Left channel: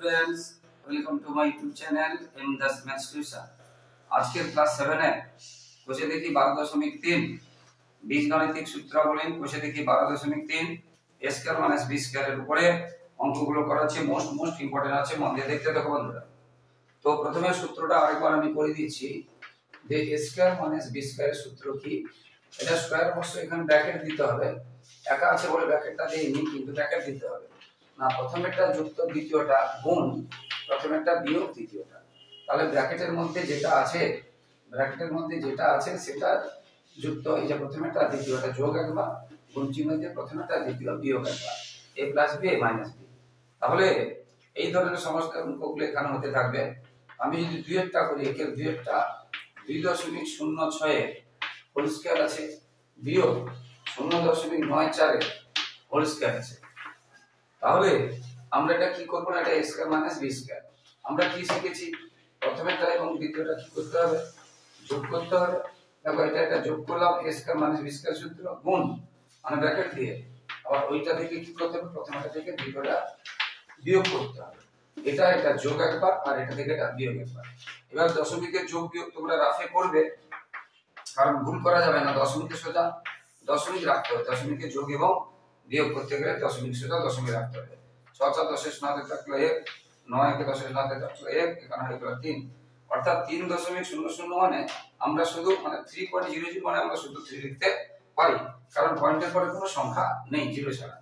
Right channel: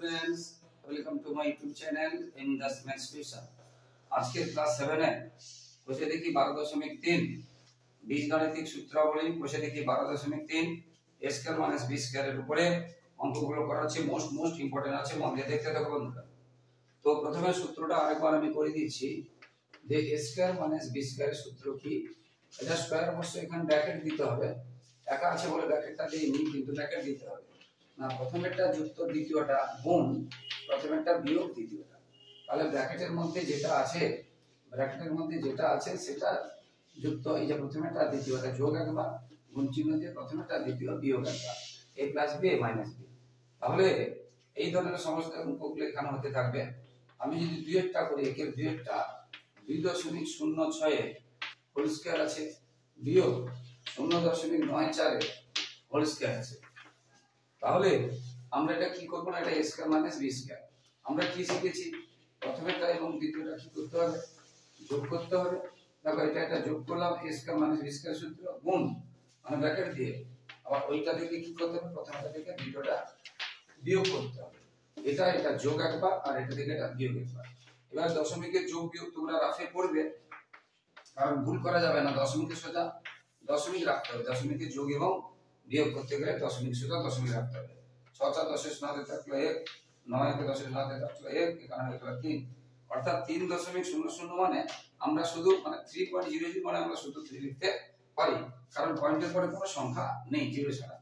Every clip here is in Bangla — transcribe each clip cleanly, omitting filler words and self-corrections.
Students, welcome to my YouTube channel M Das maths tuition. আজকের ক্লাস 7 এ কোষে দেখি 12.3 বীজগণিতিক সূত্রাবলী কোষে দেখি 12.3 a square minus b square এর উপরে অঙ্কগুলো করাচ্ছি। মোস্ট ইম্পর্টেন্ট আছে, মন দিয়ে দেখতে থাকো বন্ধুরা। তো প্রথমে সূত্রটা আরেকবার আমি করে দিচ্ছি যে a square minus b square এর সূত্র কি। এটা স্কয়ার অবশ্য এখানে ব্র্যাকেট দিতে হবে, একা আছে বলে ব্র্যাকেটটা দেইনি, কিন্তু ব্র্যাকেট দিতে হবে না। প্রথমেরটা যুক্ত দ্বিতীয়টা গুণ প্রথমেরটা বিয়োগ দ্বিতীয়টা, তাহলে ব্র্যাকেটের মধ্যে যেটা আছে সেটা যুক্ত, এই যে প্রথমেরটা দ্বিতীয়টা যোগ একবার, গুণ চিহ্ন দিয়ে প্রথমেরটা দ্বিতীয় বিয়োগ একবার, a plus b a minus b। তাহলে এই ধরনের সমস্ত অঙ্কগুলো এখানে হতে থাকবে। আমি যদি দুইয়েরটা করি, একের দুইয়েরটা 2.06 হোল স্কয়ার আছে বিয়োগ 0.94 হোল স্কয়ার আছে, তাহলে আমরা এটা কি করব না, এটা a square minus b square. আমরা কি শিখেছি, প্রথমেরটা এবং দ্বিতীয়টা কি করতে হবে, যোগ করতে হবে। দেখো এটা যোগ করলাম, a square minus b square সূত্র গুণ মানে ব্র্যাকেট দিয়ে, আবার ওইটা থেকে কি করতে হবে, প্রথমেরটা থেকে দ্বিতীয়টা বিয়োগ করতে হবে। এটা যোগ একবার আর এটা থেকে এটা বিয়োগ একবার। এবার দশমিকের যোগ বিয়োগ তোমরা রাফে করবে, কারণ ভুল করা যাবে না। দশমিকের সোজা দশমিক রাখতে হবে, দশমিকের যোগ এবং বিয়োগ করতে গেলে দশমিক সোজা দশমিক রাখতে হবে। 6 4 10 9 থাকলো 1, 9 কে 10 9 থাকলো 1, এখানে হয়ে গেল 3, অর্থাৎ 3.00 মানে আমরা শুধু মানে 3.00 মানে আমরা শুধু 3 লিখতে পারি, কারণ পয়েন্টের পরে কোনো সংখ্যা নেই জিরো ছাড়া।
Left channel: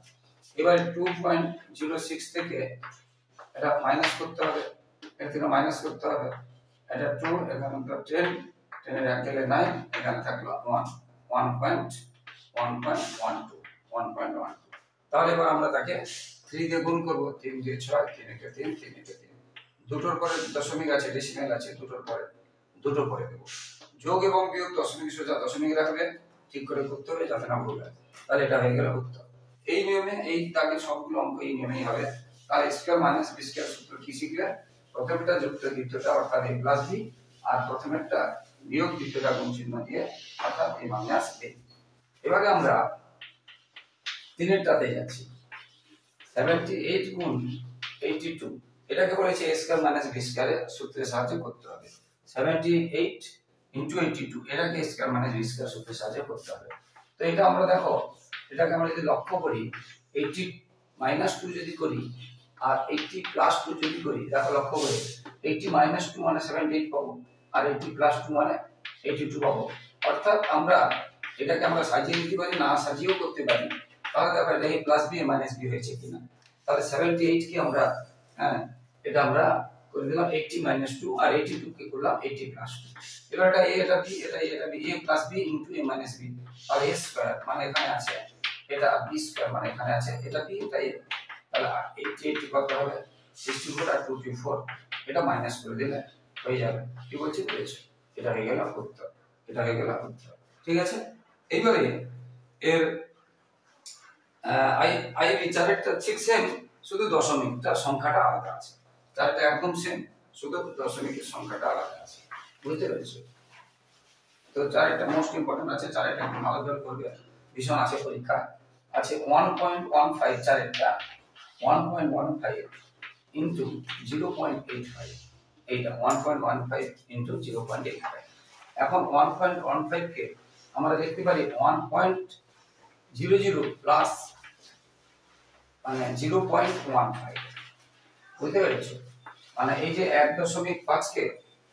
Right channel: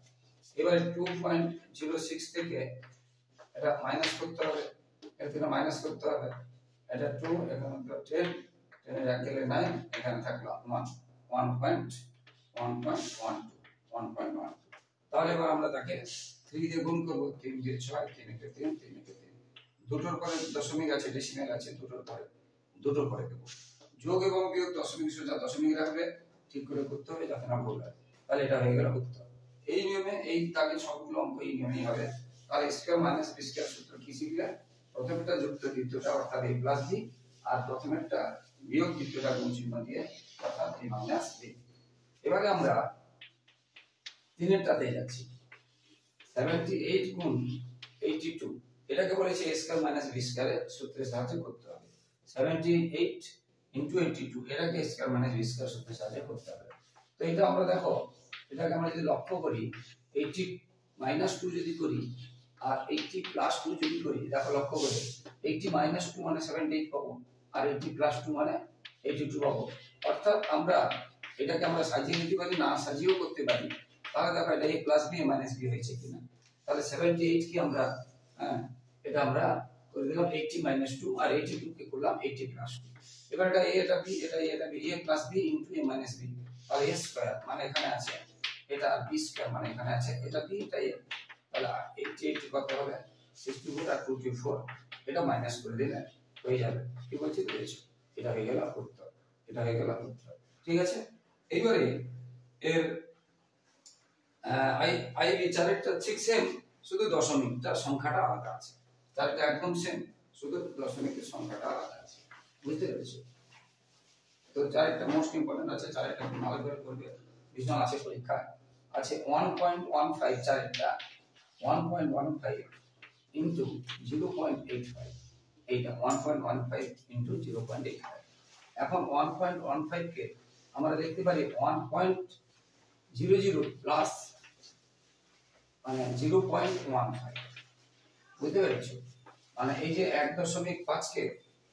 এবারে 2.06 থেকে এটা মাইনাস করতে হবে, এর থেকে মাইনাস করতে হবে, এটা 2, এখানে তো 10, 10 এর এক গেলে 9, এখানে থাকলো 1, 1.12। তাহলে এবার আমরা তাকে 3 দিয়ে গুণ করব, 3 দিয়ে 6, 3 একে 3, 3 একে 3, দুটোর পরে দশমিক আছে, ডেসিমেল আছে, দুটো পরে দেব। যোগ এবং বিয়োগ দশমিক সোজা দশমিক রাখবে, ঠিক করে করতে হবে যাতে না ভুল হয়। তাহলে এটা হয়ে গেল উত্তর। এই নিয়মে এই দাগে সবগুলো অঙ্ক এই নিয়মেই হবে। তাহলে স্কয়ার মাইনাস বি স্কয়ার সূত্র কি শিখলে, প্রথমটা যুক্ত দ্বিতীয়টা অর্থাৎ a প্লাস b, আর প্রথমেরটা বিয়োগ দ্বিতীয়টা গুণ চিহ্ন দিয়ে অর্থাৎ a মাইনাস b। এবারে আমরা তিনেরটাতে যাচ্ছি, 78 গুণ 82, এটাকে বলেছে a square minus b square এর সূত্রের সাহায্যে করতে হবে। 78 ইনটু 82 এটাকে a square minus b square সূত্রের সাহায্যে করতে হবে। তো এটা আমরা দেখো, এটাকে আমরা যদি লক্ষ্য করি, 80 মাইনাস 2 যদি করি আর 80 প্লাস 2 যদি করি, দেখো লক্ষ্য করে 80 মাইনাস 2 মানে 78 পাবো, আর 80 প্লাস 2 মানে 82 পাবো। অর্থাৎ আমরা এটাকে আমরা সাজিয়ে নিতে পারি, না সাজিয়েও করতে পারি। তাহলে দেখো এটা a plus b a minus b হয়েছে কিনা। তাহলে 78 কে আমরা এটা আমরা করে দিলাম 80 মাইনাস 2, আর 82 কে করলাম 80 প্লাস 2। এবার এটা a, এটা b, এটা b, a plus b into a minus b, আর a স্কয়ার মানে এখানে আছে, এটা b স্কয়ার মানে এখানে আছে, এটা b এটা a। তাহলে 80 কত হবে, 64 আর 24, এটা মাইনাস করে দিলে হয়ে যাবে। কি বলছি বুঝেছো, এটা হয়ে গেল উত্তর, ঠিক আছে। এইবারে এর আই চারেরটা ঠিক সেম, শুধু দশমিকটা সংখ্যাটা আলাদা আছে। চারটা একদম সেম, শুধু দশমিকের সংখ্যাটা আলাদা আছে, বুঝতে পেরেছো। তো চারটা মোস্ট ইম্পর্টেন্ট আছে, চারটা একটু ভালো করে করবে, ভীষণ আছে পরীক্ষা আছে। 1.15 চারটা 1.15 ইনটু 0.85, এইটা 1.15 ইনটু 0.85। এখন 1.15 কে আমরা লিখতে পারি 1.00 প্লাস মানে 0.15, বুঝতে পেরেছো। মানে এই যে 1.5 কে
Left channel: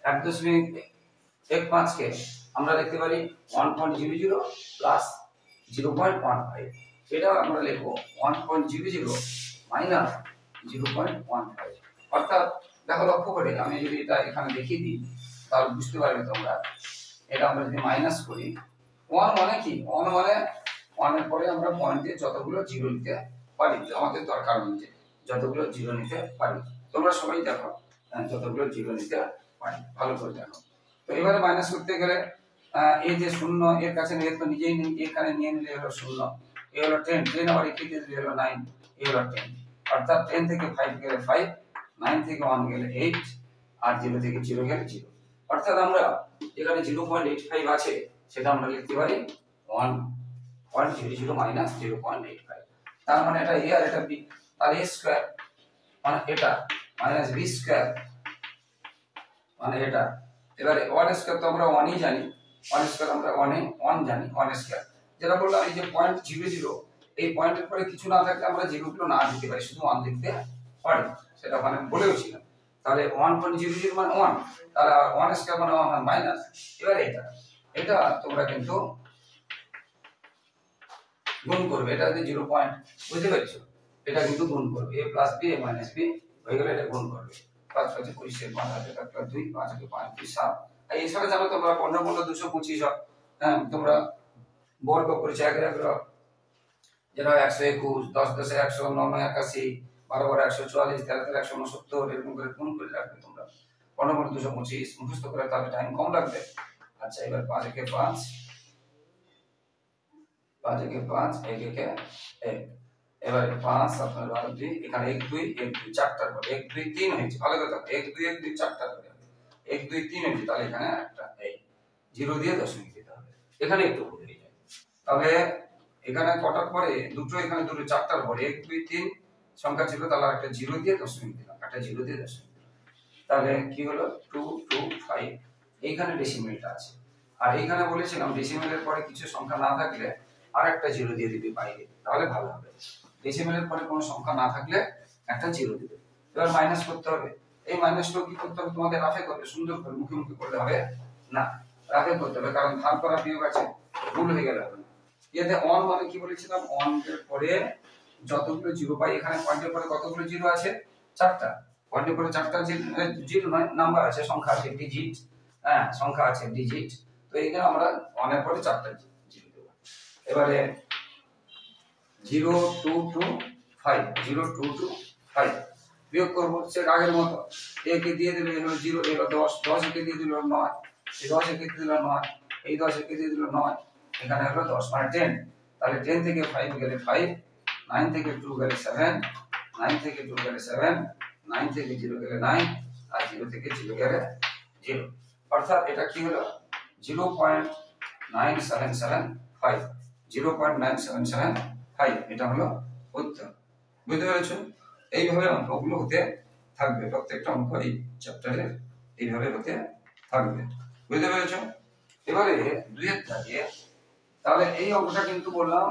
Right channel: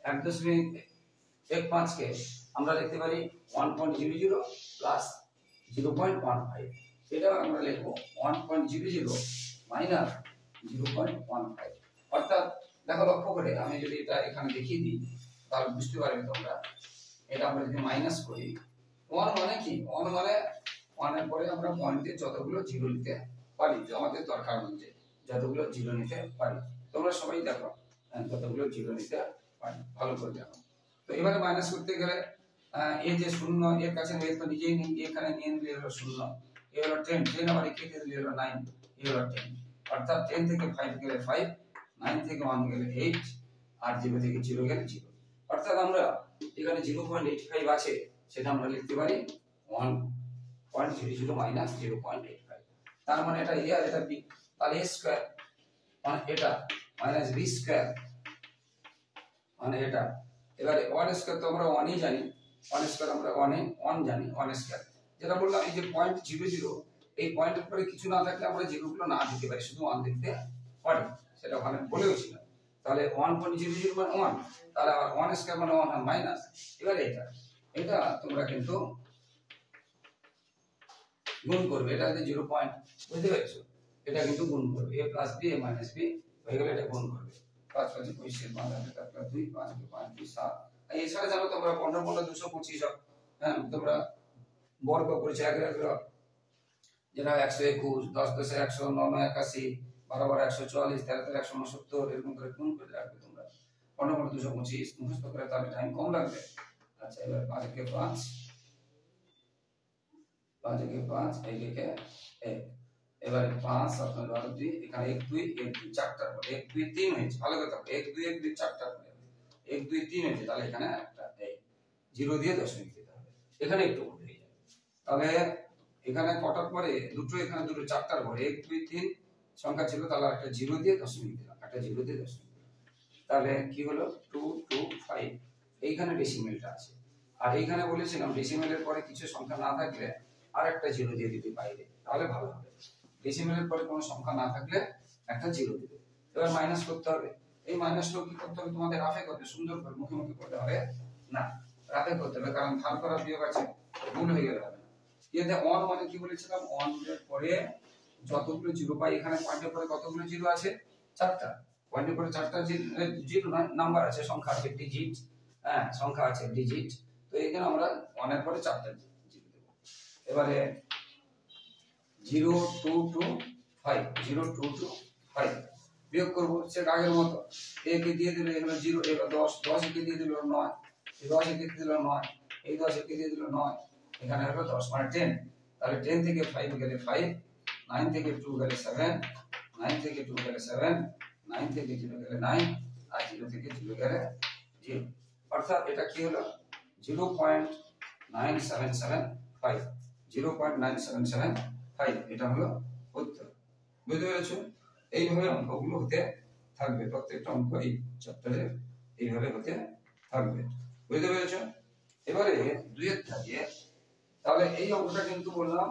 1.15 কে আমরা লিখতে পারি 1.00 প্লাস 0.15, এটা আমরা লিখবো 1.00 মাইনাস 0.15। অর্থাৎ দেখো লক্ষ্য করে আমি যদি এটা এখানে দেখিয়ে দিই, তাহলে বুঝতে পারবে তোমরা। এটা আমরা যদি মাইনাস করি, 1 মানে কি, 1 মানে 1 এর পরে আমরা পয়েন্টে যতগুলো জিরো নিতে পারি, আমাদের দরকার অনুযায়ী যতগুলো জিরো নিতে পারি। তোমরা সবাই দেখো যতগুলো জিরো নিতে পারি, ভালো করে দেখো। তো এবারে মাইনাস করতে গেলে এই যে শূন্য এর কাছে নিয়ে তো নিজেই নেই, এখানে নিয়ে নিলে হলো 0, এ হলো 10, 10 আবার একে দিয়ে দিলে হলো 9, এ হলো 10। অর্থাৎ 10 থেকে 5 গেলে 5, 9 থেকে 1 গেলে 8, আর 0 থেকে 0 গেলে 0। অর্থাৎ আমরা যেখানে 0.85 আছে সেটা আমরা লিখতে পারি 1.00 মাইনাস 0.85। তার মানে এটা a আর এটা b, তার a স্কয়ার মানে এটা মাইনাস বি স্কয়ার মানে এটা। এবারে ওয়ান স্কয়ার তো আমরা ওয়ানই জানি, ওয়ান স্কয়ার আমরা ওয়ান জানি, ওয়ান স্কয়ার যেটা বললাম এই যে পয়েন্ট 0 0 এই পয়েন্টের পরে কিছু না থাকলে আমরা জিরোগুলো না দিতে পারি, শুধু ওয়ান লিখতে পারি, সেটা ওখানে বলেও ছিলাম। তাহলে 1.00 মানে 1, তাহলে ওয়ান স্কয়ার মানে 1 মাইনাস। এবারে এটা তোমরা কিন্তু গুণ করবে, এটা যে 0 পয়েন্ট, বুঝতে পেরেছো? এটা কিন্তু গুণ করবে, a plus b a minus b হয়ে গেলে এটা গুণ করবে। 5 5 25 5 হাতে 2 5 হাতে 5 2 7। আর এই সরে জানো তোমরা 15 15 225 হয়। হ্যাঁ তোমরা বর্গ করেছো 1 1 যেটা 121 10 10 100 9 9 81 12 12 144 13 13 169 এরকম করে গুণ করে রাখবে তোমরা। 15 15 225 মুখস্থ করে তাহলে টাইম কম লাগবে। আচ্ছা এবার 5 একে 5 5 একে 5 1 একে 1, এবারে 5 7 12 2 এখানে 1 2 1 2 চারটার পরে 1 2 3 হয়েছে, ভালো কথা 1 2 1 2 চারটার পরে 1 2 3 হয়েছে, তাহলে এখানে একটা এই 0 দিয়ে দশমিক দিতে হবে, এখানে একটু ভুল হয়ে যায়। তাহলে এখানে কটার পরে দুটো, এখানে দুটো চারটার পরে 1 2 3 সংখ্যা ছিল, তাহলে একটা 0 দিয়ে দশমিক দিলাম, একটা 0 দিয়ে দশমিক দিলাম, তাহলে কি হলো 2 2 5। এইখানে ডেসিমেলটা আছে, আর এইখানে বলেছিলাম ডেসিমেলের পরে কিছু সংখ্যা না থাকলে আরেকটা 0 দিয়ে দিবি বাইরে, তাহলে ভালো হবে। ডেসিমেলের পরে কোনো সংখ্যা না থাকলে একটা 0 দিবে। এবার মাইনাস করতে হবে, এই মাইনাসটাও কি করতে হবে তোমাদের রাফে করবে, সুন্দর করে মুখে মুখে করলে হবে না, রাফে করতে হবে, কারণ ভাগ করা বিয়োগ আছে, ভুল হয়ে গেলে হবে না। এতে অন মানে কি বলেছিলাম, অন এর পরে যতগুলো 0 পাই, এখানে পয়েন্টের পরে কতগুলো 0 আছে, চারটা, পয়েন্টের পরে চারটা 0 নয় নাম্বার আছে, সংখ্যা আছে, ডিজিট, হ্যাঁ সংখ্যা আছে ডিজিট, তো এইখানে আমরা অনের পরে চারটা 0 দেব। এবারে 0 2 2 5 0 2 2 5 বিয়োগ করব সে আগের মতো, a কে দিয়ে দিলে হলো 0, এলো 10 10 কে দিয়ে দিল 9, এই 10 কে দিয়ে দিল 9, এই 10 কে দিয়ে দিল 9, এখানে হলো 10 মানে 10, তাহলে 10 থেকে 5 গেলে 5, 9 থেকে 2 গেলে 7, 9 থেকে 2 গেলে 7, 9 থেকে 0 গেলে 9, আর 0 থেকে 0 গেলে 0, অর্থাৎ এটা কি হলো 0.9775, 0.9775 এটা হলো উত্তর। বুঝতে পেরেছো? এইভাবে অঙ্কগুলো হতে থাকবে, প্রত্যেকটা অঙ্ক এই চ্যাপ্টারের এইভাবে হতে থাকবে, বুঝতে পেরেছো? এবারে 2 এর দাগে, তাহলে এই অঙ্কটা কিন্তু বললাম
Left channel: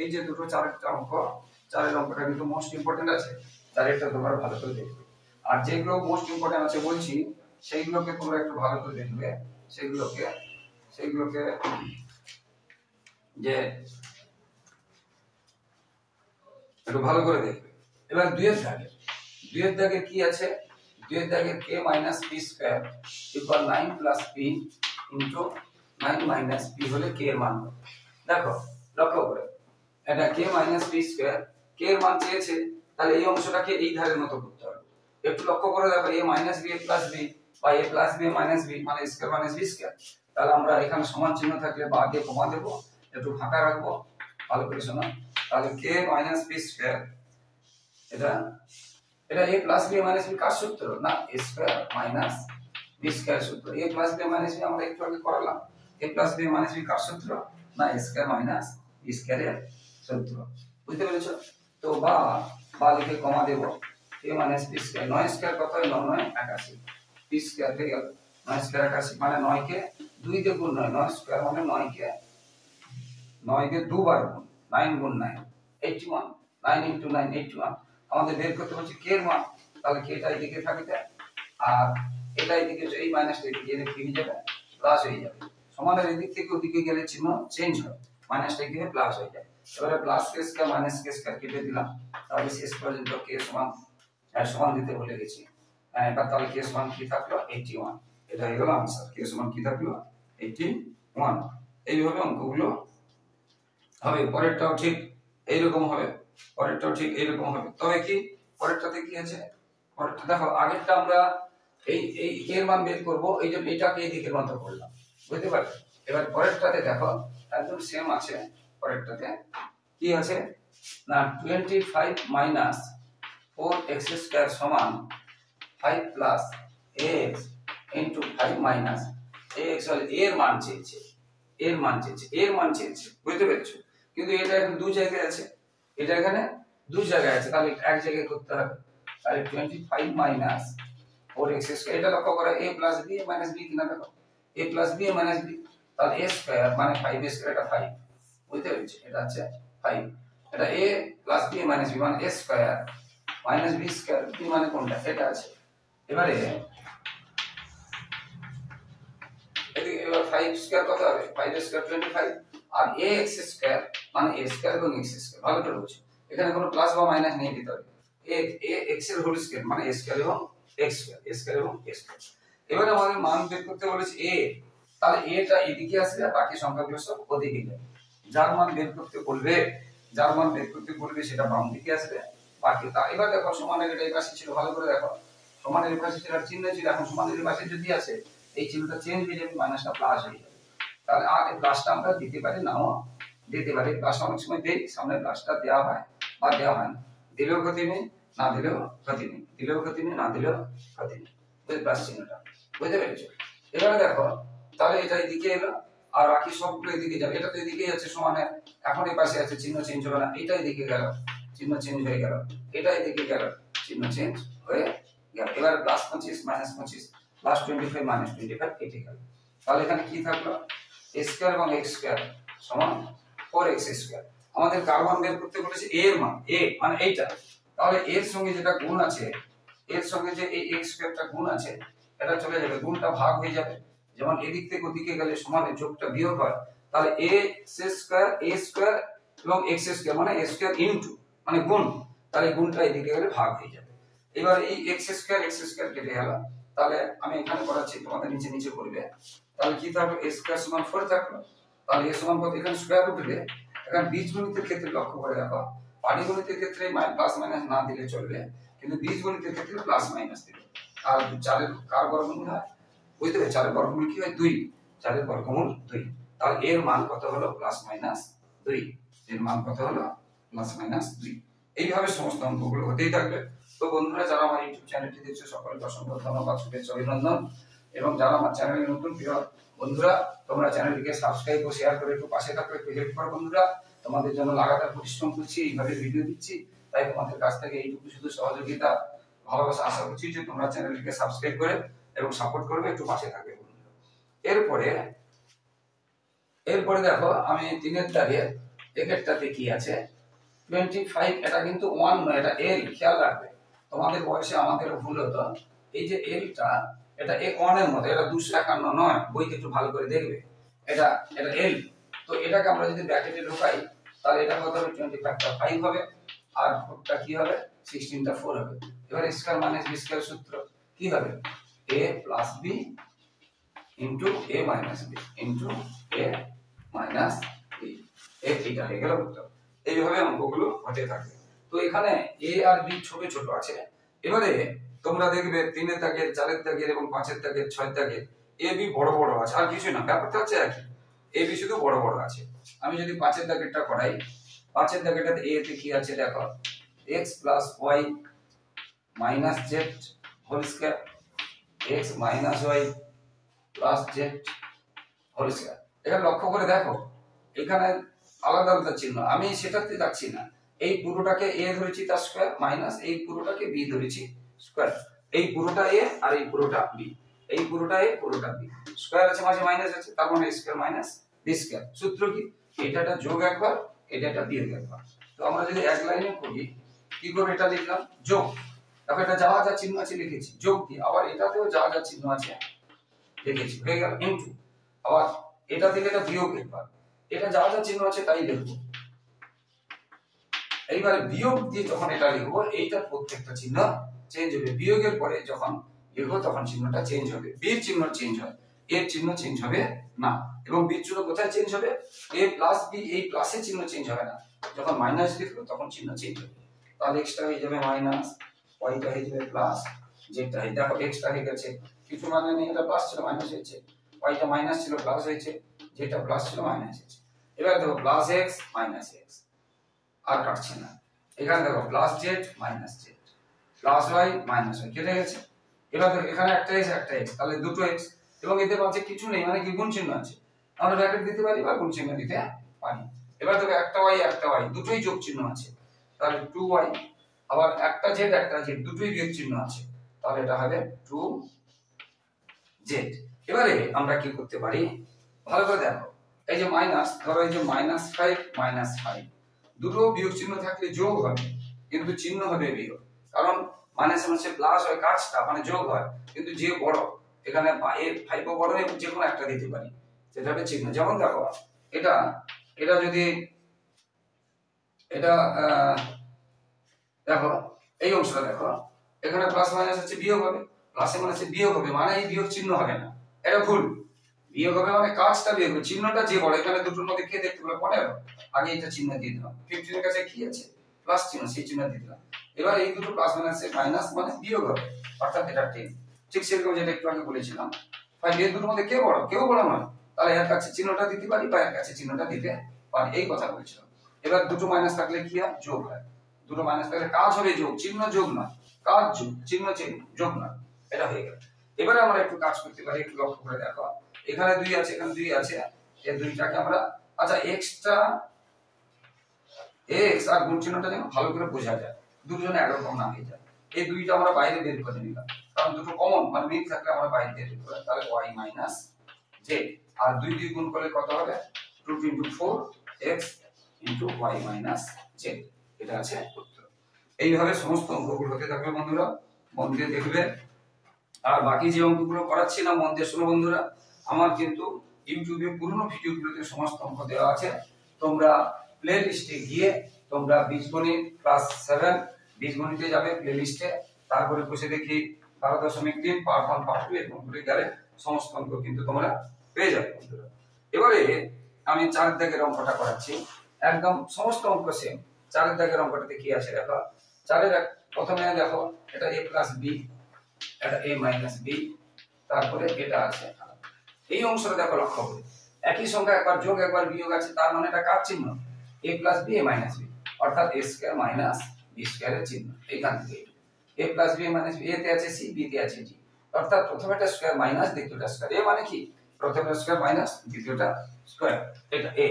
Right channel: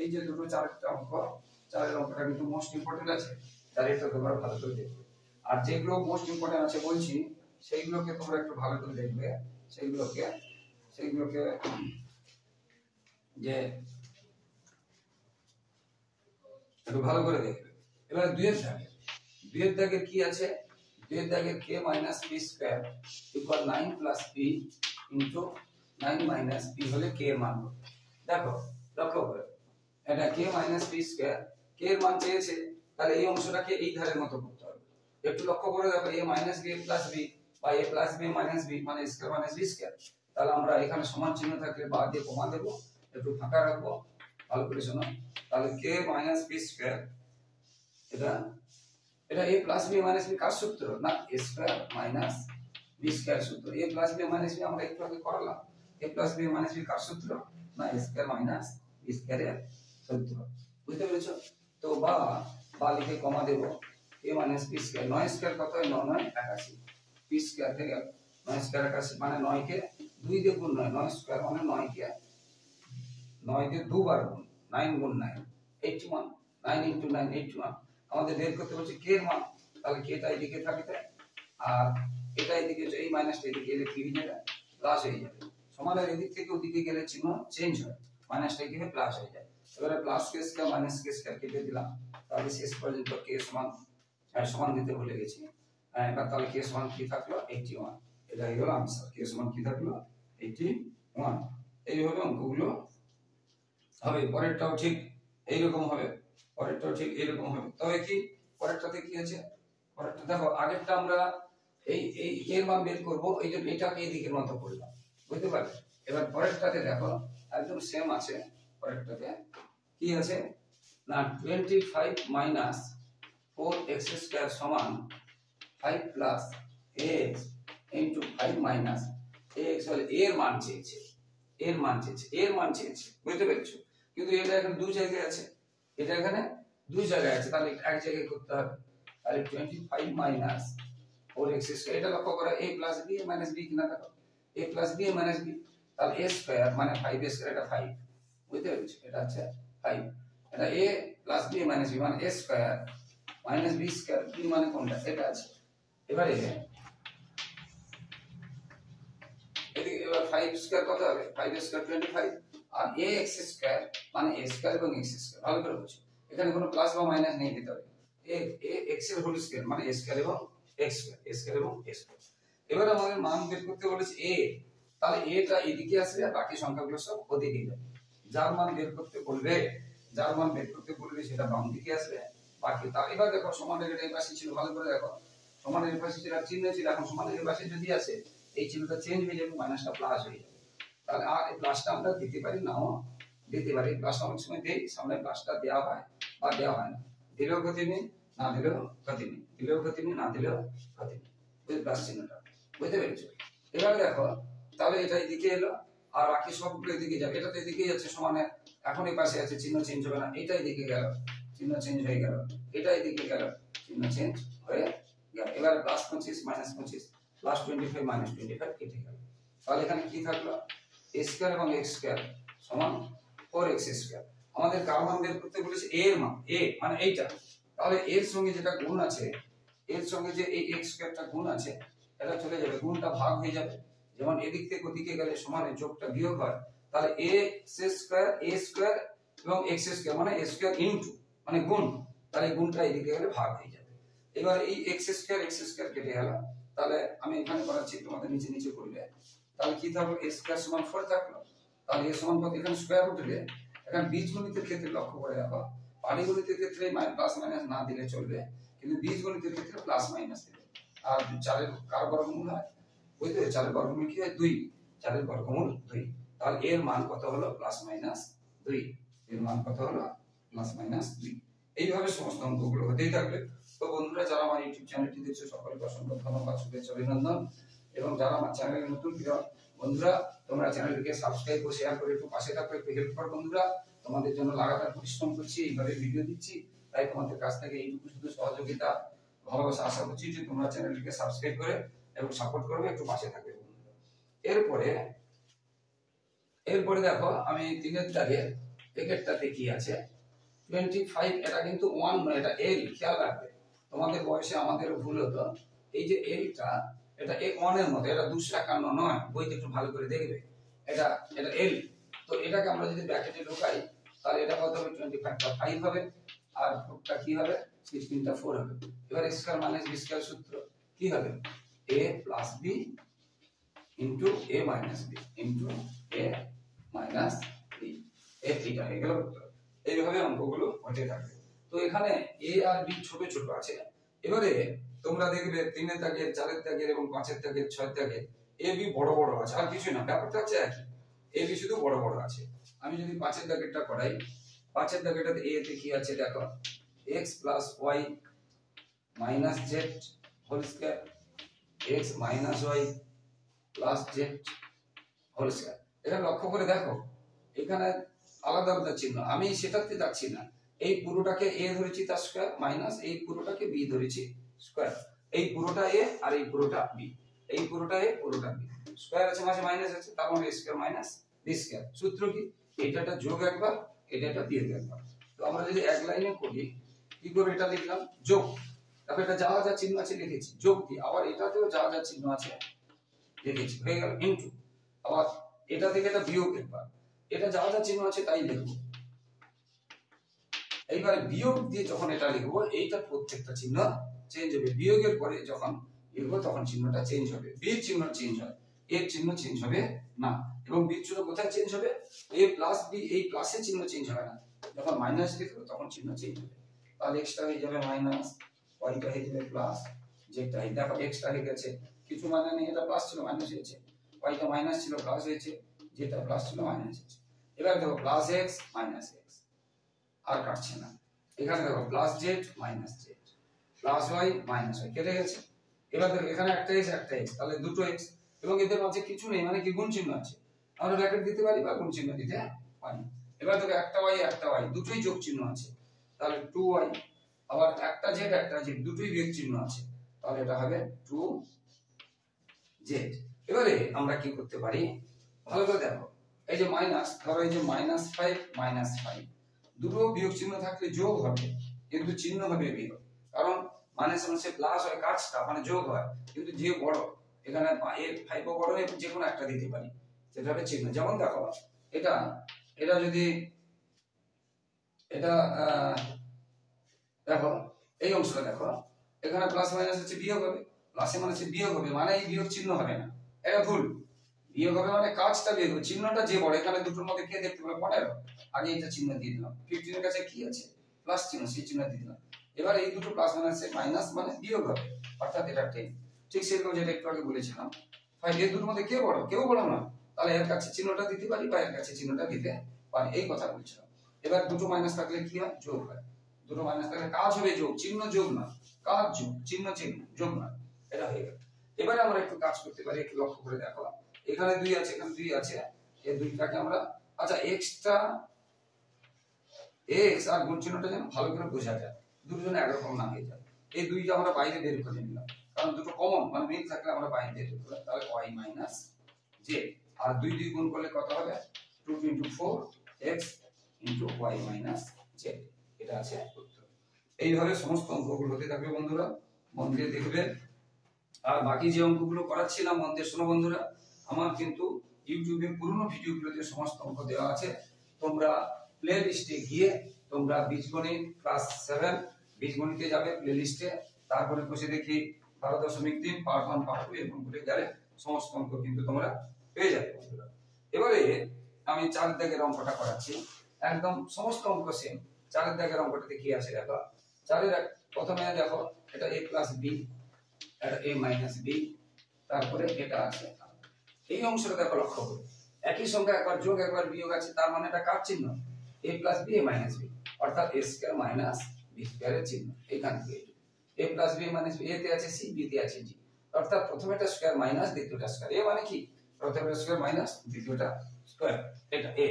এই যে দুটো চারটা অঙ্ক, চারের অঙ্কটা কিন্তু মোস্ট ইম্পর্টেন্ট আছে, চারেরটা তোমরা ভালো করে দেখবে, আর যেগুলো মোস্ট ইম্পর্টেন্ট আছে বলছি সেইগুলোকে তোমরা একটু ভালো করে দেখবে, সেগুলোকে যে একটু ভালো করে দেখবে। এবার 2 এর দাগে কি আছে, 2 এর দাগে k minus p square equal 9 plus p into 9 minus p হলে k এর মান। দেখো লক্ষ্য করে, এটা k minus p square, k এর মান চেয়েছে, তাহলে এই অংশটাকে এই ধারের মতো করতে হবে। একটু লক্ষ্য করে দেখো a minus b plus b বা a plus b minus b মানে স্কয়ার মাইনাস b স্কয়ার, তাহলে আমরা এখানে সমান চিহ্ন থাকলে বা আগে কমা দেব, একটু ফাঁকা রাখবো, ভালো করে শোনো। তাহলে k মাইনাস p স্কয়ার, এটা a plus b minus b কার সূত্র না, a square minus b square সূত্র, a plus b minus b আমরা একটু আগে করালাম, a plus b minus b কার সূত্র না, a স্কয়ার মাইনাস b স্কয়ারের সূত্র, বুঝতে পেরেছো? তো বা লিখে কমা দেব, a minus b square, 9 square কত হয় 9 9 81, b স্কয়ার হয়ে গেল 9 স্কয়ার 81 মানে 9 কে 2 দিয়ে গুণ, 9 স্কয়ার মানে 9 কে 2 বার গুণ, 9 গুণ 9 81, 9 ইনটু 9 81, আমাদের বের করতে হচ্ছে k এর মান, তাহলে k টা এদিকে থাকবে আর এটা এদিকে, এই মাইনাসটা এদিকে এলে কি হয়ে যাবে, প্লাস হয়ে যাবে, সমানের এদিক থেকে ওদিকে গেলে চিহ্ন চেঞ্জ হয়, মাইনাসটা কি হয় প্লাস হয়ে যায়। এবারে plus k square minus k square কেটে দিলাম, তাহলে শেষ পর্যন্ত k সমান দিতে ভুলে গেছি, এবার তাহলে k সমান কি থাকলো 81, এটা হয়ে গেল आंसर, k সমান কি থাকলো 81। এইভাবে অঙ্কগুলো হবে, পরেরটাও ঠিক এইরকম হবে, পরেরটাও ঠিক এইরকম হবে, তবে কি পরেরটাতে কি আছে, পরেরটা দেখো আগেরটা আমরা এই k এর মান বের করব, এই জন্য এটাকে এই দিকের মতো করলাম, বুঝতে পারলে? এবার পরেরটাতে দেখো একদম সেম আছে, পরেরটাতে কি আছে না 25 মাইনাস 4x স্কয়ার সমান 5 plus x into 5 minus x হলে এর মান চেয়েছে, এর মান চেয়েছে, বুঝতে পেরেছো? কিন্তু এটা এখন দু জায়গায় আছে, এটা এখানে দু জায়গায় আছে, তাহলে এক জায়গায় করতে হবে, তাহলে 25 মাইনাস 4x স্কয়ার, এটা লক্ষ্য করো a plus b minus b কিনা দেখো, a plus b minus b, তাহলে a স্কয়ার মানে 5 স্কয়ার, এটা 5, বুঝতে পেরেছো, এটা হচ্ছে 5, এটা a plus b minus b মানে a square minus b square, b মানে কোনটা, এটা আছে। এবারে এদিকে এবার 5 স্কয়ার কত হবে, 5 স্কয়ার 25, আর ax স্কয়ার মানে a স্কয়ার এবং x স্কয়ার, ভালো করে বুঝো, এখানে কোনো প্লাস বা মাইনাস নেই ভিতরে, x এর হোল স্কয়ার মানে a স্কয়ার এবং x স্কয়ার, a স্কয়ার এবং x স্কয়ার। এবারে আমাদের মান বের করতে বলেছে a, তাহলে a টা এদিকে আসবে আর বাকি সংখ্যাগুলো সব ওদিকে যাবে। যার মান বের করতে বলবে, যার মান বের করতে বলবে সেটা বাম দিকে আসবে, বাকি তা। এবার দেখো সমানের এটা এই পাশে ছিল, ভালো করে দেখো, সমানের এই পাশে ছিল চিহ্ন ছিল, এখন সমানের এই পাশে যদি আসে এই চিহ্নটা চেঞ্জ হয়ে যাবে, মাইনাসটা প্লাস হয়ে যাবে। তাহলে আর এই প্লাসটা আমরা দিতে পারি, নাও দিতে পারি, প্লাস অনেক সময় দেই, সামনে প্লাসটা দেওয়া হয় বা দেওয়া হয় না, দিলেও ক্ষতি নেই, না দিলেও ক্ষতি নেই, দিলেও ক্ষতি নেই, না দিলেও ক্ষতি নেই, ওই প্লাস চিহ্নটা, বুঝতে পেরেছো। এবার দেখো তাহলে এটা এদিকে এলো আর বাকি সবগুলো এদিকে যাবে, এটা তো এদিকে যাচ্ছে সমানে, এখন এই পাশে আছে চিহ্ন চেঞ্জ হবে না, এটা এদিকে গেল চিহ্ন চেঞ্জ হয়ে গেল, এটা এদিকে গেল চিহ্ন চেঞ্জ হয়ে গেল। এবার প্লাস 25 মাইনাস 25 প্লাস 25 মাইনাস 25 কেটে গেল। তাহলে এখানে কি থাকলো, a স্কয়ার এবং x স্কয়ার সমান 4x স্কয়ার। আমাদের কার মান বের করতে বলেছে, a এর মান, a মানে এইটা, তাহলে এর সঙ্গে যেটা গুণ আছে, এর সঙ্গে যে এই x স্কয়ারটা গুণ আছে, এটা চলে যাবে, গুণটা ভাগ হয়ে যাবে, যেমন এদিক থেকে ওদিকে গেলে সমানের যোগটা বিয়োগ হয়, তাহলে a স্কয়ার এবং x স্কয়ার মানে a স্কয়ার ইনটু মানে গুণ, তাহলে গুণটা এদিকে গেলে ভাগ হয়ে যাবে। এবার এই x স্কয়ার কেটে গেল, তাহলে আমি এখানে করাচ্ছি, তোমাদের নিচে নিচে করবে, তাহলে কি থাকলো, a স্কয়ার সমান 4 থাকলো, তাহলে a সমান কত, এখানে স্কয়ার উঠলে, এখানে বীজগণিতের ক্ষেত্রে লক্ষ্য করে দেখো, পাটিগণিতের ক্ষেত্রে প্লাস মাইনাস না দিলে চলবে, কিন্তু বীজগণিতের ক্ষেত্রে প্লাস মাইনাস দিবে। আর 4 এর কার বর্গমূল হয়, বুঝতে পেরেছো, 4 এর বর্গমূল কি হয়, 2, 4 এর বর্গমূল 2, তাহলে এর মান কত হলো, প্লাস মাইনাস 2, এর মান কত হলো, প্লাস মাইনাস 2। এইভাবে সমস্ত অঙ্কগুলো হতেই থাকবে। তো বন্ধুরা, যারা আমার ইউটিউব চ্যানেলটি দেখছো সকলকে অসংখ্য ধন্যবাদ, শুভেচ্ছা, অভিনন্দন। এবং যারা আমার চ্যানেলে নতুন প্রিয় বন্ধুরা, তোমরা চ্যানেলটিকে সাবস্ক্রাইব ও শেয়ার করে একটু পাশে থাকো, একটু হেল্প করো বন্ধুরা, তোমাদের জন্য লাগাতার পরিশ্রম করছি, এইভাবে ভিডিও দিচ্ছি, তাই তোমাদের কাছ থেকে এইটুকু শুধু সহযোগিতা ভালোবাসা আশা করছি যে তোমরা চ্যানেলটিকে সাবস্ক্রাইব করে এবং সাপোর্ট করবে, একটু পাশে থাকবে বন্ধুরা। এরপরে দেখো আমি 3 এর দাগে একেরটাতে কি আছে 25, এটা কিন্তু 1 নয়, এটা l, খেয়াল রাখবে, তোমাদের বয়সে আমাদের ভুল হতো, এই যে lটা এটা a1 এর মতো, এটা 251 নয়, বইতে একটু ভালো করে দেখবে, এটা l, তো এটাকে আমরা যদি ব্র্যাকেটে ঢোকাই তাহলে এটা কত হবে, 25 টা 5 হবে, আর 4 টা কি হবে, 16 টা 4 হবে। এবার স্কয়ার মাইনাস b স্কয়ার সূত্র কি হবে, a plus b into a minus b into a minus b, এইটা হয়ে গেল উত্তর। এইভাবে অঙ্কগুলো হতে থাকে। তো এখানে a আর b ছোট ছোট আছে, এবারে তোমরা দেখবে 3 এর দাগের, 4 এর দাগের এবং 5 এর দাগের, 6 এর দাগের a b বড় বড় আছে, আর কিছু না, ব্যাপারটা হচ্ছে একই, a b শুধু বড় বড় আছে। আমি যদি 5 এর দাগেরটা করাই, 5 এর দাগেরটাতে a তে কি আছে দেখো, x plus y minus z whole square, x minus y plus z whole square. এটা লক্ষ্য করে দেখো, এখানে আলাদা আলাদা চিহ্ন, আমি সেটাতে যাচ্ছি না, এই পুরোটাকে a ধরেছি তার স্কয়ার মাইনাস এই পুরোটাকে b ধরেছি স্কয়ার, এই পুরোটা a আর এই পুরোটা b, এই পুরোটা a পুরোটা b, স্কয়ার আছে মাঝে মাইনাস আছে, তার মানে স্কয়ার মাইনাস b স্কয়ার। সূত্র কি, এটা যোগ একবার, এটা বিয়োগ একবার। তো আমরা যদি এক লাইনে করি কি করে, এটা লিখলাম যোগ, তারপর এটা যা যা চিহ্ন আছে লিখেছি যোগ দিয়ে, আবার এটাতেও যা যা চিহ্ন আছে লিখেছি, হয়ে গেল ইনটু, আবার এটা থেকে এটা বিয়োগ একবার, এটা যা যা চিহ্ন আছে তাই লিখবো। এইবারে বিয়োগ দিয়ে যখন এটা লিখবো, এইটার প্রত্যেকটা চিহ্ন চেঞ্জ হবে, বিয়োগের পরে যখন লিখবো তখন চিহ্নটা চেঞ্জ হবে, বির চিহ্ন চেঞ্জ হয়, এর চিহ্ন চেঞ্জ হবে না। এবং বির চিহ্ন কোথায় চেঞ্জ হবে, a প্লাস b, এই প্লাসের চিহ্ন চেঞ্জ হবে না, যখন মাইনাস লিখবো তখন চিহ্ন চেঞ্জ হবে। তাহলে x টা হয়ে যাবে মাইনাস, y টা হয়ে যাবে প্লাস, z টা হয়ে, দেখো x টা হয়ে গেছে, কিছু মানে নেই, এটা প্লাস ছিল মাইনাস হয়েছে, y টা মাইনাস ছিল প্লাস হয়েছে, z টা প্লাস ছিল মাইনাস হয়েছে। এবার দেখো প্লাস x মাইনাস x, আর কাটছে না, এখানে দেখো plus z minus z plus y minus y, কেটে গেছে। এবার দেখো এখানে একটা x, তাহলে দুটো x, এবং এদের মাঝে কিছু নেই, মানে কি গুণ চিহ্ন আছে, আমরা ব্র্যাকেট দিতে পারি বা গুণ চিহ্ন দিতে পারি। এবার দেখো একটা y দুটোই যোগ চিহ্ন আছে, তাহলে 2y, আবার একটা জেড দুটোই বিয়োগ চিহ্ন আছে, তাহলে এটা হবে 2z। এবারে আমরা কি করতে পারি, ভালো করে দেখো, এই যে মাইনাস, ধরো এই যে -5 দুটো বিয়োগ চিহ্ন থাকলে যোগ হবে, কিন্তু চিহ্ন হবে বিয়োগ। কারণ মাইনাস হচ্ছে প্লাস হয় কাজটা মানে যোগ হয়, কিন্তু যে বড় এখানে 5 ও বড় যে কোনো একটা দিতে পারি, সেটা হবে চিহ্ন। যেমন দেখো এটা এটা যদি এটা দেখো এই অংশটা দেখো, এখানে প্লাস মাইনাস আছে বিয়োগ হবে, প্লাসে মাইনাসে বিয়োগ হবে, মানে এই বিয়োগ চিহ্ন হবে না, এটা ভুল। বিয়োগ হবে মানে কাজটা বিয়োগ হবে, চিহ্নটা যে বড়, এখানে দুটোর মধ্যে কে দেখতে পেলো 15, আগে এটা চিহ্ন দিয়ে দিলাম। 15 এর কাছে কি আছে প্লাস চিহ্ন, সেই চিহ্ন দিয়ে দিলাম। এবার এই দুটো প্লাস মাইনাসে মাইনাস মানে বিয়োগ হবে, অর্থাৎ এটা 10। ঠিক সেরকম যেটা একটু আগে বলেছিলাম 5 এর দুটোর মধ্যে কে বড়, কেউ বড় নয়, তাহলে এর কাছে চিহ্নটা দিতে পারি বা এর কাছে চিহ্নটা দিতে পারি, এই কথা বলছিলাম। এবার দুটো মাইনাস থাকলে কি হয়, যোগ হয়। দুটো মাইনাস থাকলে কাজ হবে যোগ, চিহ্ন যোগ না, কাজ যোগ, চিহ্ন যোগ না, এটা হয়ে গেল। এবারে আমরা একটু কাজ করতে পারি, একটু লক্ষ্য করে দেখো, এখানে 2 আছে, এখানে 2 আছে, এই দুইটাকে আমরা আচ্ছা এক্সট্রা এক্স আর গুণ চিহ্নটা যেন ভালো করে বোঝা যায়, দুটোজনে একরকম না হয়ে যায়। এই দুইটা আমরা বাইরে বের করে নিলাম, কারণ দুটো কমন মানে মিল থাকলে আমরা বাইরে বের করে, তাহলে y মাইনাস z, আর 2 দিয়ে গুণ করলে কত হবে, 2 * 4 x * y মাইনাস z, এটা আছে উত্তর। এইভাবে সমস্ত অঙ্কগুলো হতে থাকবে বন্ধুরা, মন দিয়ে দেখবে। আর বাকি যে অঙ্কগুলো করাচ্ছি না, মন দিয়ে শোনো বন্ধুরা, আমার কিন্তু ইউটিউবে পুরনো ভিডিওগুলোতে সমস্ত অঙ্ক দেওয়া আছে, তোমরা প্লে লিস্টে গিয়ে তোমরা বীজগণিত ক্লাস 7 বীজগণিতে যাবে প্লে লিস্টে, তারপরে বসে দেখি 12.3 পার্ট 1 পার্ট 2 এরকম করে গেলে সমস্ত অঙ্ক কিন্তু তোমরা পেয়ে যাবে বন্ধুরা। এবারে আমি 4 দাগের অঙ্কটা করাচ্ছি, একদম সমস্ত অঙ্ক সেম। 4 দাগের অঙ্কটাতে কি আছে দেখো, 4 প্রথমে দেখো এটা a + b, এটা a - b, তারপরে এটা আছে। এই অংশটা দেখো লক্ষ্য করে, একই সংখ্যা একবার যোগ একবার বিয়োগ আছে, তার মানে এটা কার চিহ্ন, a + b a - b, অর্থাৎ a² - b² এর চিহ্ন। এইখান থেকে a + b a - b, a তে আছে c, b তে আছে d, অর্থাৎ প্রথমেটা স্কয়ার মাইনাস দ্বিতীয়টা স্কয়ার। a মানে কি, প্রথমেটা স্কয়ার মাইনাস দ্বিতীয়টা স্কয়ার, এটা a।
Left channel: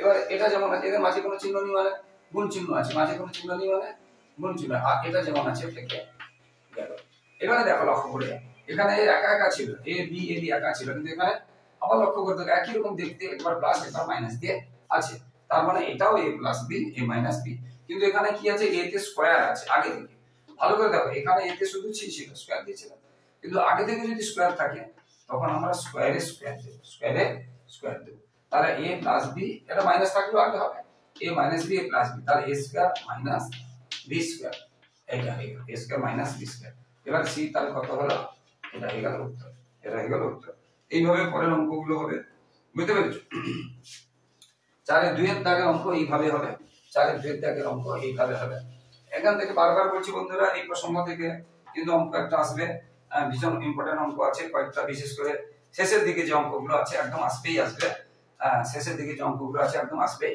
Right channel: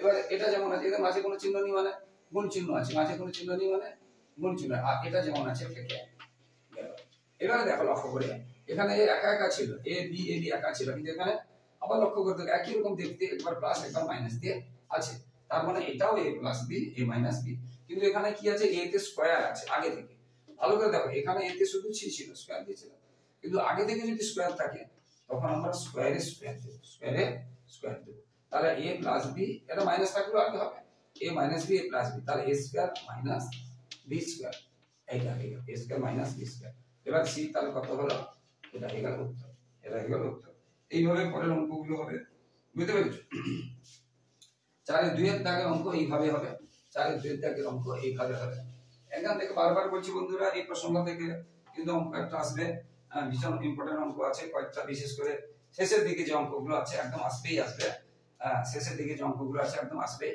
এবার এটা যেমন আছে, এদের মাঝে কোনো চিহ্ন নেই মানে গুণ চিহ্ন আছে, মাঝে কোনো চিহ্ন নেই মানে গুণ চিহ্ন, আর এটা যেমন আছে থেকে গেল। এবারে দেখো লক্ষ্য করে, এখানে একা একা ছিল, a b একা ছিল, কিন্তু এখানে আবার লক্ষ্য করতে হবে একই রকম দেখতে, একবার প্লাস একবার মাইনাস দিয়ে আছে, তার মানে এটাও a + b a - b, কিন্তু এখানে কি আছে, a তে স্কয়ার আছে আগে থেকে। ভালো করে দেখো, এখানে a তে শুধু ছিল স্কয়ার দিয়েছিল, কিন্তু আগে থেকে যদি স্কয়ার থাকে তখন আমরা স্কয়ারে স্কয়ার দেব, তাহলে a + b, এটা মাইনাস থাকলেও আগে হবে a - b a + b, তাহলে a² - b², এটা হয়ে গেল a² - b²। এবার c তাহলে কত হলো, এটা হয়ে গেল উত্তর, এটা হয়ে গেল উত্তর। এইভাবে পরের অঙ্কগুলো হবে, বুঝতে পেরেছো? 4 এর 2 এর দাগের অঙ্ক এইভাবে হবে, 4 এর 2 এর দাগের অঙ্ক এইভাবে হবে। এখান থেকে বারবার বলছি বন্ধুরা, এই প্রসঙ্গ থেকে কিন্তু অঙ্ক একটা আসবে, ভীষণ ইম্পর্টেন্ট অঙ্ক আছে কয়েকটা, বিশেষ করে শেষের দিকে যে অঙ্কগুলো আছে একদম আসবে, শেষের দিকে যে অঙ্কগুলো আছে একদম আসবে।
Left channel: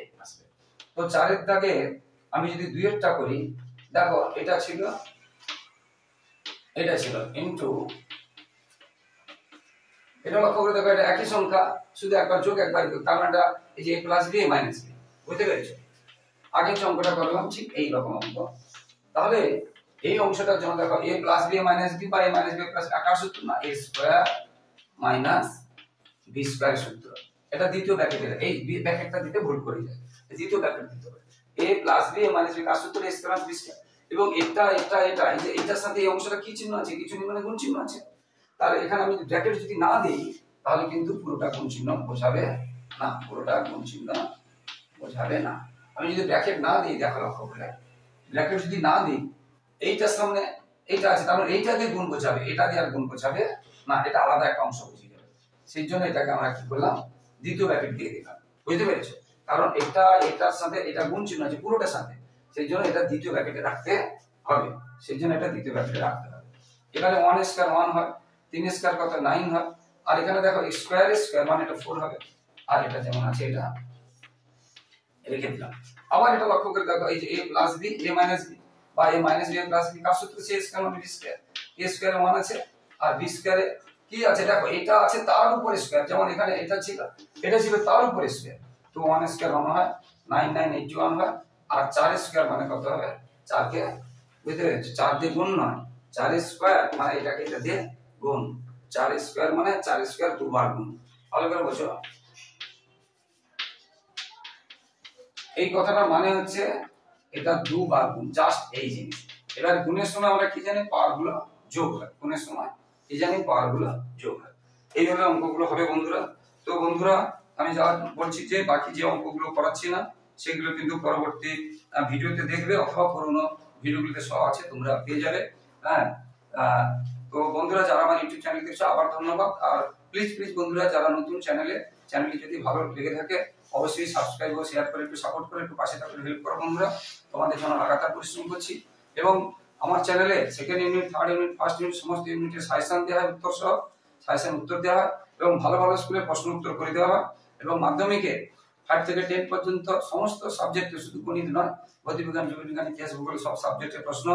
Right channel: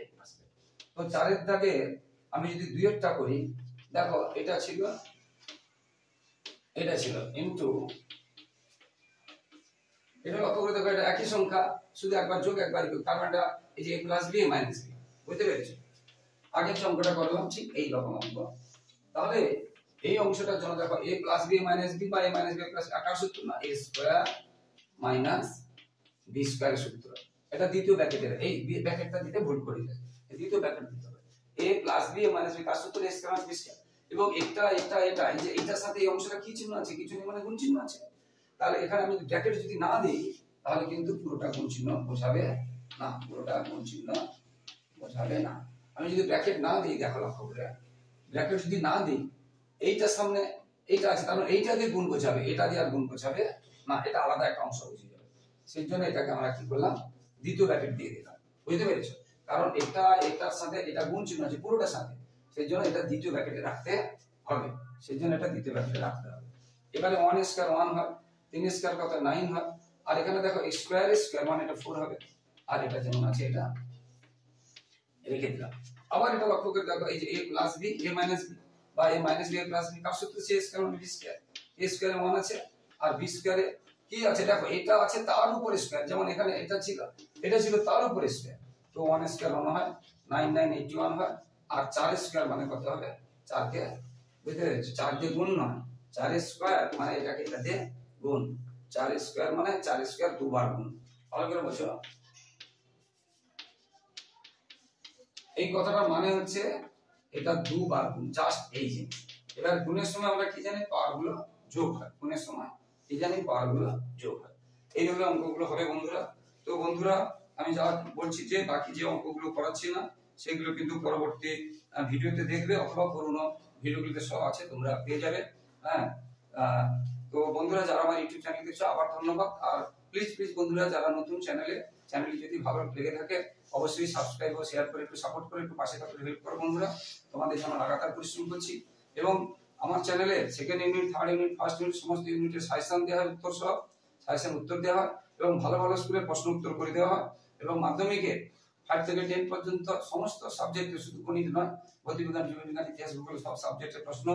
তো 4 এর দাগে আমি যদি 2 এরটা করি, দেখো এটা ছিল ইনটু, এটা লক্ষ্য করে দেখো, এটা একই সংখ্যা শুধু একবার যোগ একবার বিয়োগ, তার মানে এই যে a + b a - b, বুঝতে পেরেছো? আগের যে অঙ্কটা করলাম ঠিক এই রকম অঙ্ক। তাহলে এই অংশটার জন্য দেখো a + b a - b বা a - b + আকার সূত্র না, a² - b² সূত্র, এটা দ্বিতীয় ব্র্যাকেটের, এই ব্র্যাকেটটা দিতে ভুল করে যায়, দ্বিতীয় ব্র্যাকেট দিতে হবে। a + b a - b কার সূত্র, a² - b², এবং এটা এই যে এইটার সাথে এই অংশটা কি চিহ্ন আছে, কিছু নেই মানে গুণ চিহ্ন আছে, তাহলে এখানে আমি ব্র্যাকেট যদি না দিই তাহলে কিন্তু পুরোটা গুণ চিহ্ন বোঝাবে না, পুরোটা গুণ চিহ্ন বোঝাবে না। আমি যদি ব্র্যাকেট না দিই, দেখো লক্ষ্য করে, ব্র্যাকেট যদি না দিই, এইটার সামনে এইটা আছে, তার মানে এইটা দিয়ে গুণ বোঝাবে, এটা দিয়ে আর গুণ বোঝাবে না, এটা আলাদা একটা অংশ বুঝিয়ে যাবে। সেই জন্য এটাকে আমরা কি করলাম, দ্বিতীয় ব্র্যাকেট দিয়ে দিলাম, বুঝতে পেরেছো? কারণ এটার সাথে এটা গুণ চিহ্ন আছে পুরোটার সাথে, সেই জন্য এটা দ্বিতীয় ব্র্যাকেটে রাখতে হবে, সেই জন্য এটা দ্বিতীয় ব্র্যাকেটে রাখতে হবে। এখানে 1² 1 হয়, 3² কত 9 হয়, আর এখানে দেখো স্কয়ার মানে এটা 4 হবে, আর এটা যেমন আছে এটা রেখে দিলাম। আবার এটা লক্ষ্য করে দেখো, এই যে a + b a - b বা a - b a + b কার সূত্র, c² - b², a² 1 আছে আর b² কি আছে দেখো, এটা আছে তার উপরে স্কয়ার, যেমন এখানে এটা ছিল তার উপরে স্কয়ার, তো 1² 1 হয়, 9 9 81 হয়, আর 4² মানে কত হবে, 4 কে বুঝতে পেরেছো? 4 দিয়ে গুণ নয়, 4 স্কয়ার মানে এটাকে এটা দিয়ে গুণ, 4 স্কয়ার মানে 4 স্কয়ার দুবার গুণ। ভালো করে বোঝো এই কথাটা, মানে হচ্ছে এটা দুবার গুণ, জাস্ট এই জিনিস। এবার গুণের সময় আমরা কি জানি, পাওয়ার গুলো যোগ হয়। গুণের সময় কি জানি, পাওয়ার গুলো যোগ হয়। এইভাবে অঙ্কগুলো হবে বন্ধুরা। তো বন্ধুরা আমি যা বলছি যে বাকি যে অঙ্কগুলো করাচ্ছি না সেগুলো কিন্তু পরবর্তী ভিডিওতে দেখবে, অথবা পুরোনো ভিডিওগুলোতে সব আছে, তোমরা পেয়ে যাবে। হ্যাঁ, তো বন্ধুরা যারা আমার ইউটিউব চ্যানেল দেখছো আবার ধন্যবাদ। আর প্লিজ বন্ধুরা যারা নতুন চ্যানেলটি যদি ভালো লেগে থাকে অবশ্যই সাবস্ক্রাইব ও শেয়ার করে একটু সাপোর্ট করে একটু পাশে থাকলে হেল্প করো বন্ধুরা। তোমাদের জন্য লাগাতার পরিশ্রম করছি। এবং আমার চ্যানেলে second unit, third unit, first unit সমস্ত ইউনিটের সাজেশন দেওয়া হয়, উত্তর সহ সাজেশন উত্তর দেওয়া হয়, এবং ভালো স্কুলে প্রশ্ন উত্তর করে দেওয়া হয়। এবং মাধ্যমিকে 5 থেকে 10 পর্যন্ত সমস্ত সাবজেক্টে, শুধু গণিত নয়, ভৌতবিজ্ঞান, জীববিজ্ঞান, ইতিহাস, ভূগোল সব সাবজেক্টের প্রশ্ন,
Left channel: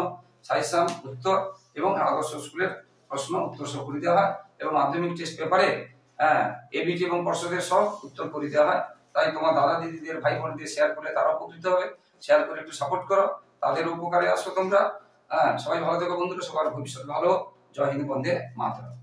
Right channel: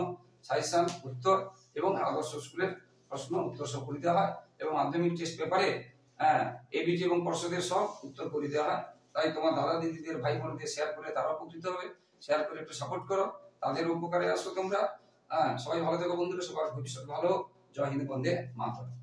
সাজেশন, উত্তর এবং আদর্শ স্কুলের প্রশ্ন উত্তর সহ করে দেওয়া হয়। এবং মাধ্যমিক টেস্ট পেপারে এবিটি এবং পর্ষদের সব উত্তর করে দেওয়া হয়। তাই তোমার দাদা দিদিদের, ভাই বোনদের শেয়ার করলে তারাও উপকৃত হবে। শেয়ার করে একটু সাপোর্ট করো, তাদের উপকারে আসো তোমরা। সবাই ভালো থেকো বন্ধুরা, সবার ভবিষ্যৎ ভালো। জয় হিন্দ, বন্দে মাতরম।